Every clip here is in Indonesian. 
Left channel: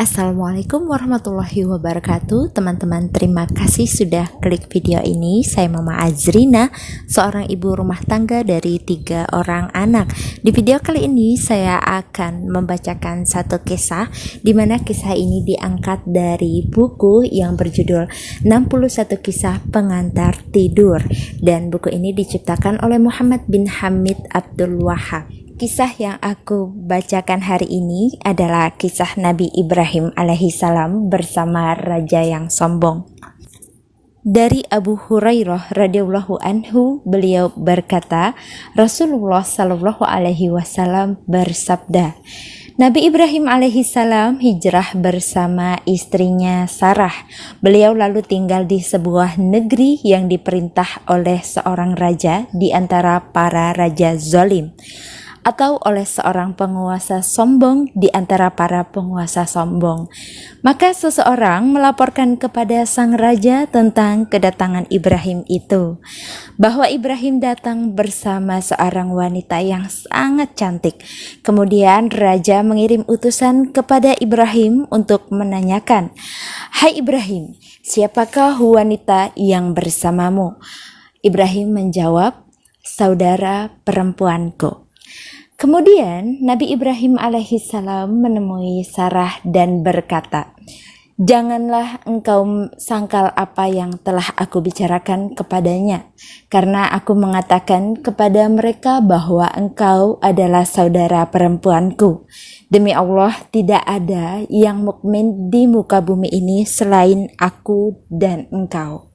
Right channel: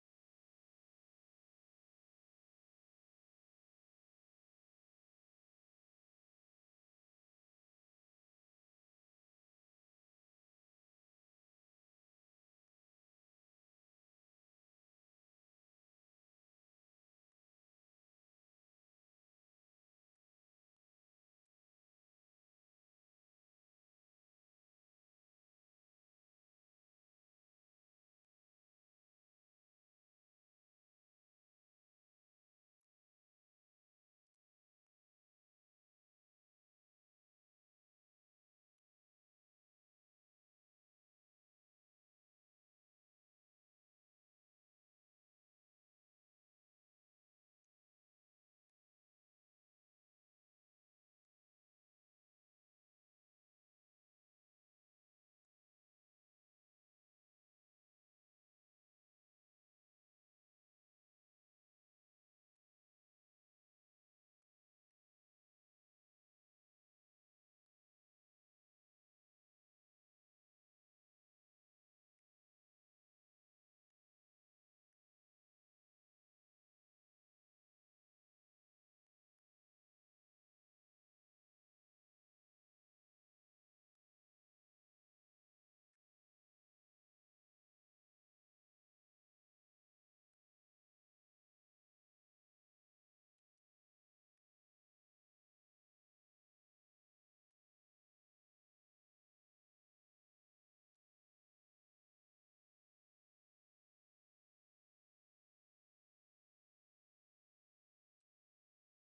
Assalamualaikum warahmatullahi wabarakatuh. Teman-teman, terima kasih sudah klik video ini. Saya Mama Azrina, seorang ibu rumah tangga dari 3 orang anak. Di video kali ini saya akan membacakan satu kisah, di mana kisah ini diangkat dari buku yang berjudul 61 Kisah Pengantar Tidur, dan buku ini diciptakan oleh Muhammad bin Hamid Abdul Wahab. Kisah yang aku bacakan hari ini adalah kisah Nabi Ibrahim alaihissalam bersama raja yang sombong. Dari Abu Hurairah radhiyallahu anhu, beliau berkata, Rasulullah shallallahu alaihi wasallam bersabda, Nabi Ibrahim alaihissalam hijrah bersama istrinya Sarah. Beliau lalu tinggal di sebuah negeri yang diperintah oleh seorang raja di antara para raja zalim, atau oleh seorang penguasa sombong di antara para penguasa sombong. Maka seseorang melaporkan kepada sang raja tentang kedatangan Ibrahim itu, bahwa Ibrahim datang bersama seorang wanita yang sangat cantik. Kemudian raja mengirim utusan kepada Ibrahim untuk menanyakan, "Hai Ibrahim, siapakah wanita yang bersamamu?" Ibrahim menjawab, "Saudara perempuanku." Kemudian Nabi Ibrahim alaihissalam menemui Sarah dan berkata, "Janganlah engkau sangkal apa yang telah aku bicarakan kepadanya, karena aku mengatakan kepada mereka bahwa engkau adalah saudara perempuanku. Demi Allah, tidak ada yang mukmin di muka bumi ini selain aku dan engkau."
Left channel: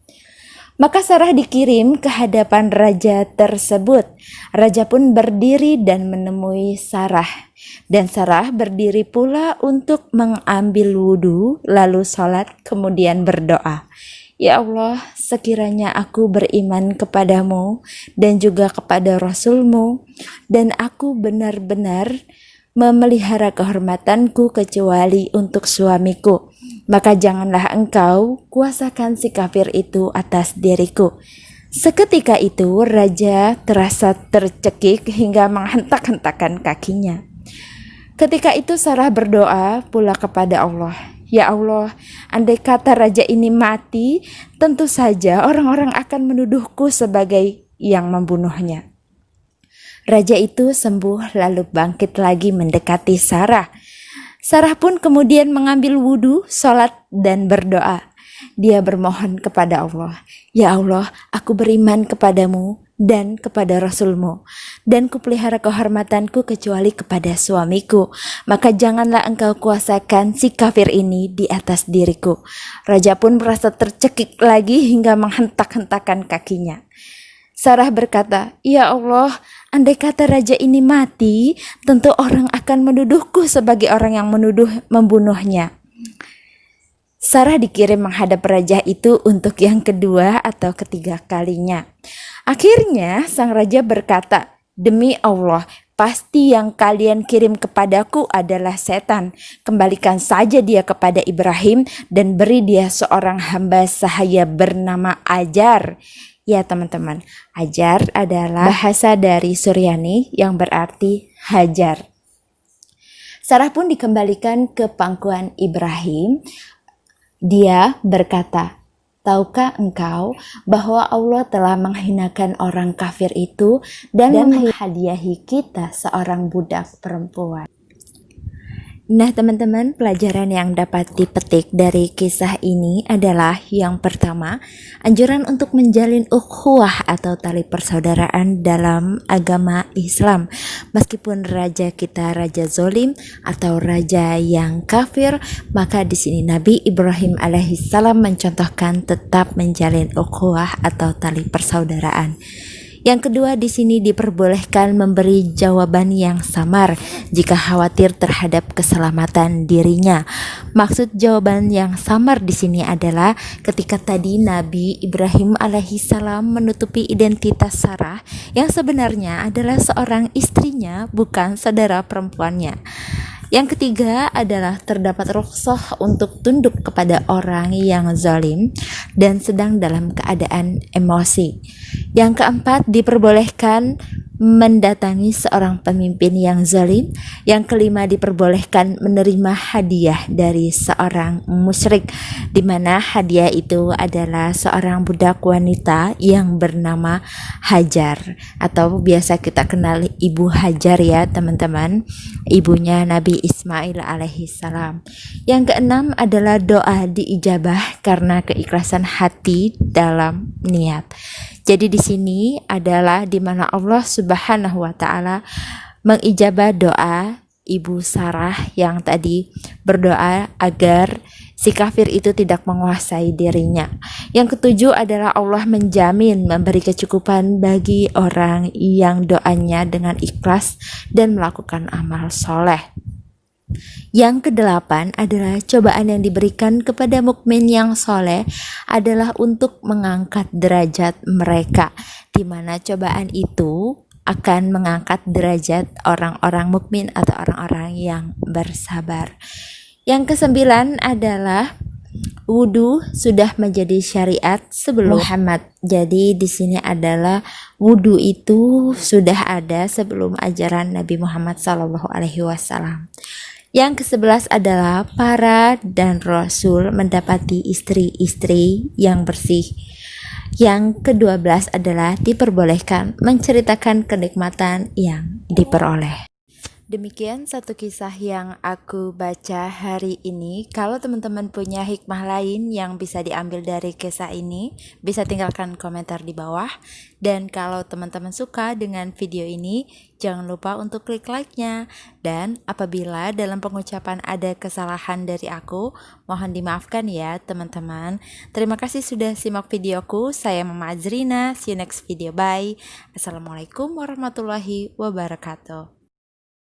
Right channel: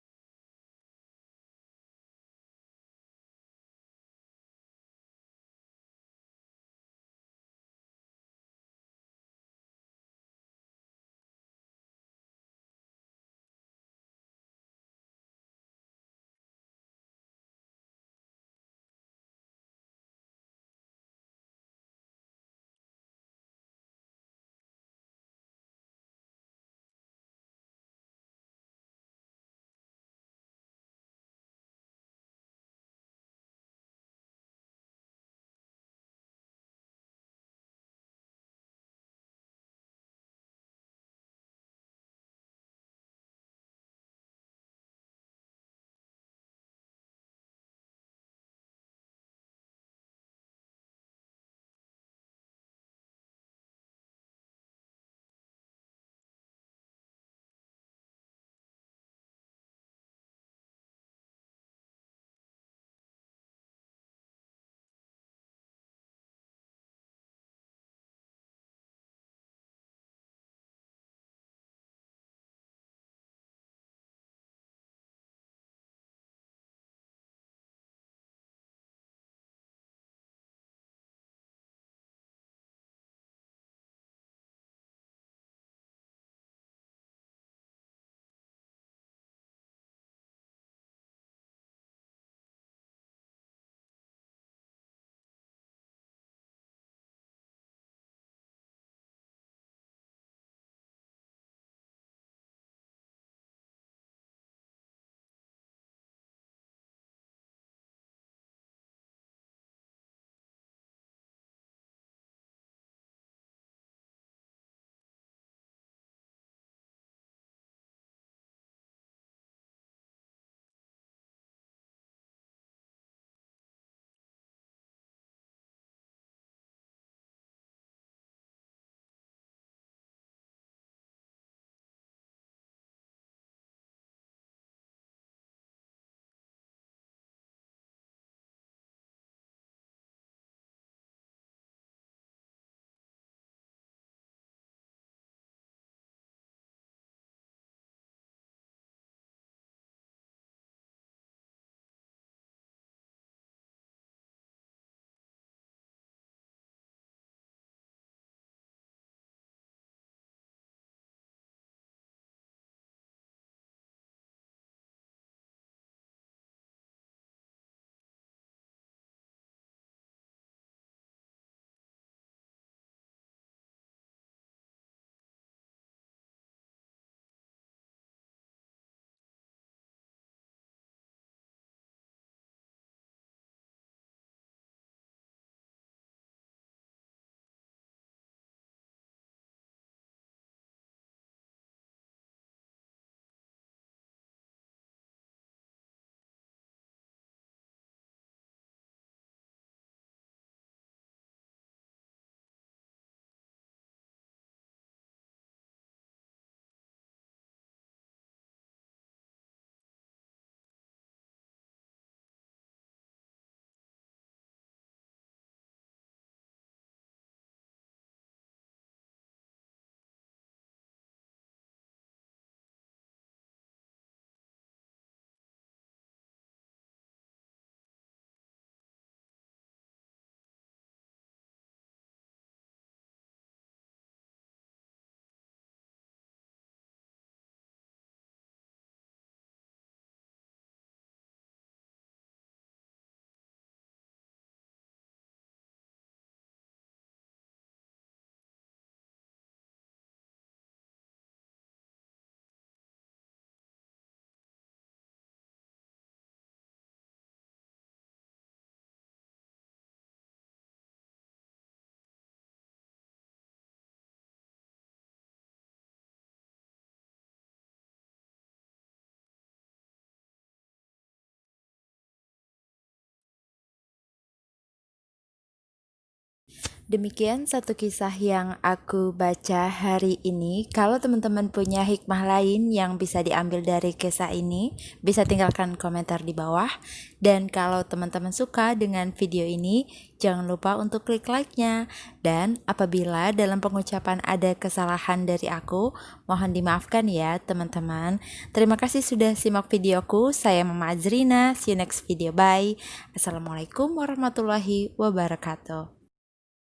Maka Sarah dikirim ke hadapan raja tersebut. Raja pun berdiri dan menemui Sarah. Dan Sarah berdiri pula untuk mengambil wudhu, lalu sholat, kemudian berdoa. "Ya Allah, sekiranya aku beriman kepadamu dan juga kepada Rasulmu, dan aku benar-benar memelihara kehormatanku kecuali untuk suamiku, maka janganlah engkau kuasakan si kafir itu atas diriku." Seketika itu raja terasa tercekik hingga menghentak-hentakan kakinya. Ketika itu Sarah berdoa pula kepada Allah, "Ya Allah, andai kata raja ini mati, tentu saja orang-orang akan menuduhku sebagai yang membunuhnya." Raja itu sembuh lalu bangkit lagi mendekati Sarah. Sarah pun kemudian mengambil wudhu, sholat, dan berdoa. Dia bermohon kepada Allah, "Ya Allah, aku beriman kepadamu dan kepada Rasulmu, dan kupelihara kehormatanku kecuali kepada suamiku. Maka janganlah engkau kuasakan si kafir ini di atas diriku." Raja pun merasa tercekik lagi hingga menghentak-hentakan kakinya. Sarah berkata, "Ya Allah, andai kata raja ini mati, tentu orang akan menuduhku sebagai orang yang membunuhnya." Sarah dikirim menghadap raja itu untuk yang kedua atau ketiga kalinya. Akhirnya sang raja berkata, "Demi Allah, pasti yang kalian kirim kepadaku adalah setan. Kembalikan saja dia kepada Ibrahim dan beri dia seorang hamba sahaya bernama Ajar." Ya teman-teman, Ajar adalah bahasa dari Suryani yang berarti hajar. Sarah pun dikembalikan ke pangkuan Ibrahim. Dia berkata, "Tahukah engkau bahwa Allah telah menghinakan orang kafir itu dan menghadiahi kita seorang budak perempuan?" Nah teman-teman, pelajaran yang dapat dipetik dari kisah ini adalah yang pertama, anjuran untuk menjalin ukhuwah atau tali persaudaraan dalam agama Islam. Meskipun raja kita raja zolim atau raja yang kafir, maka di sini Nabi Ibrahim alaihissalam mencontohkan tetap menjalin ukhuwah atau tali persaudaraan. Yang kedua, di sini diperbolehkan memberi jawaban yang samar jika khawatir terhadap keselamatan dirinya. Maksud jawaban yang samar di sini adalah ketika tadi Nabi Ibrahim alaihissalam menutupi identitas Sarah yang sebenarnya adalah seorang istrinya, bukan saudara perempuannya. Yang ketiga adalah terdapat rukhsah untuk tunduk kepada orang yang zalim dan sedang dalam keadaan emosi. Yang keempat, diperbolehkan mendatangi seorang pemimpin yang zalim. Yang kelima, diperbolehkan menerima hadiah dari seorang musyrik, di mana hadiah itu adalah seorang budak wanita yang bernama Hajar, atau biasa kita kenal Ibu Hajar ya teman-teman, ibunya Nabi Ismail alaihissalam. Yang keenam adalah doa diijabah karena keikhlasan hati dalam niat. Jadi di sini adalah di mana Allah Subhanahu wa taala mengijabah doa Ibu Sarah yang tadi berdoa agar si kafir itu tidak menguasai dirinya. Yang ketujuh adalah Allah menjamin memberi kecukupan bagi orang yang doanya dengan ikhlas dan melakukan amal soleh. Yang kedelapan adalah cobaan yang diberikan kepada mukmin yang soleh adalah untuk mengangkat derajat mereka, di mana cobaan itu akan mengangkat derajat orang-orang mukmin atau orang-orang yang bersabar. Yang kesembilan adalah wudhu sudah menjadi syariat sebelum Muhammad. Jadi di sini adalah wudhu itu sudah ada sebelum ajaran Nabi Muhammad SAW. Yang ke-11 adalah para dan Rasul mendapati istri-istri yang bersih. Yang ke-12 adalah diperbolehkan menceritakan kenikmatan yang diperoleh. Demikian satu kisah yang aku baca hari ini. Kalau teman-teman punya hikmah lain yang bisa diambil dari kisah ini, bisa tinggalkan komentar di bawah. Dan kalau teman-teman suka dengan video ini, jangan lupa untuk klik like-nya. Dan apabila dalam pengucapan ada kesalahan dari aku, mohon dimaafkan ya teman-teman. Terima kasih sudah simak videoku. Saya Mama Azrina. See you next video. Bye. Assalamualaikum warahmatullahi wabarakatuh.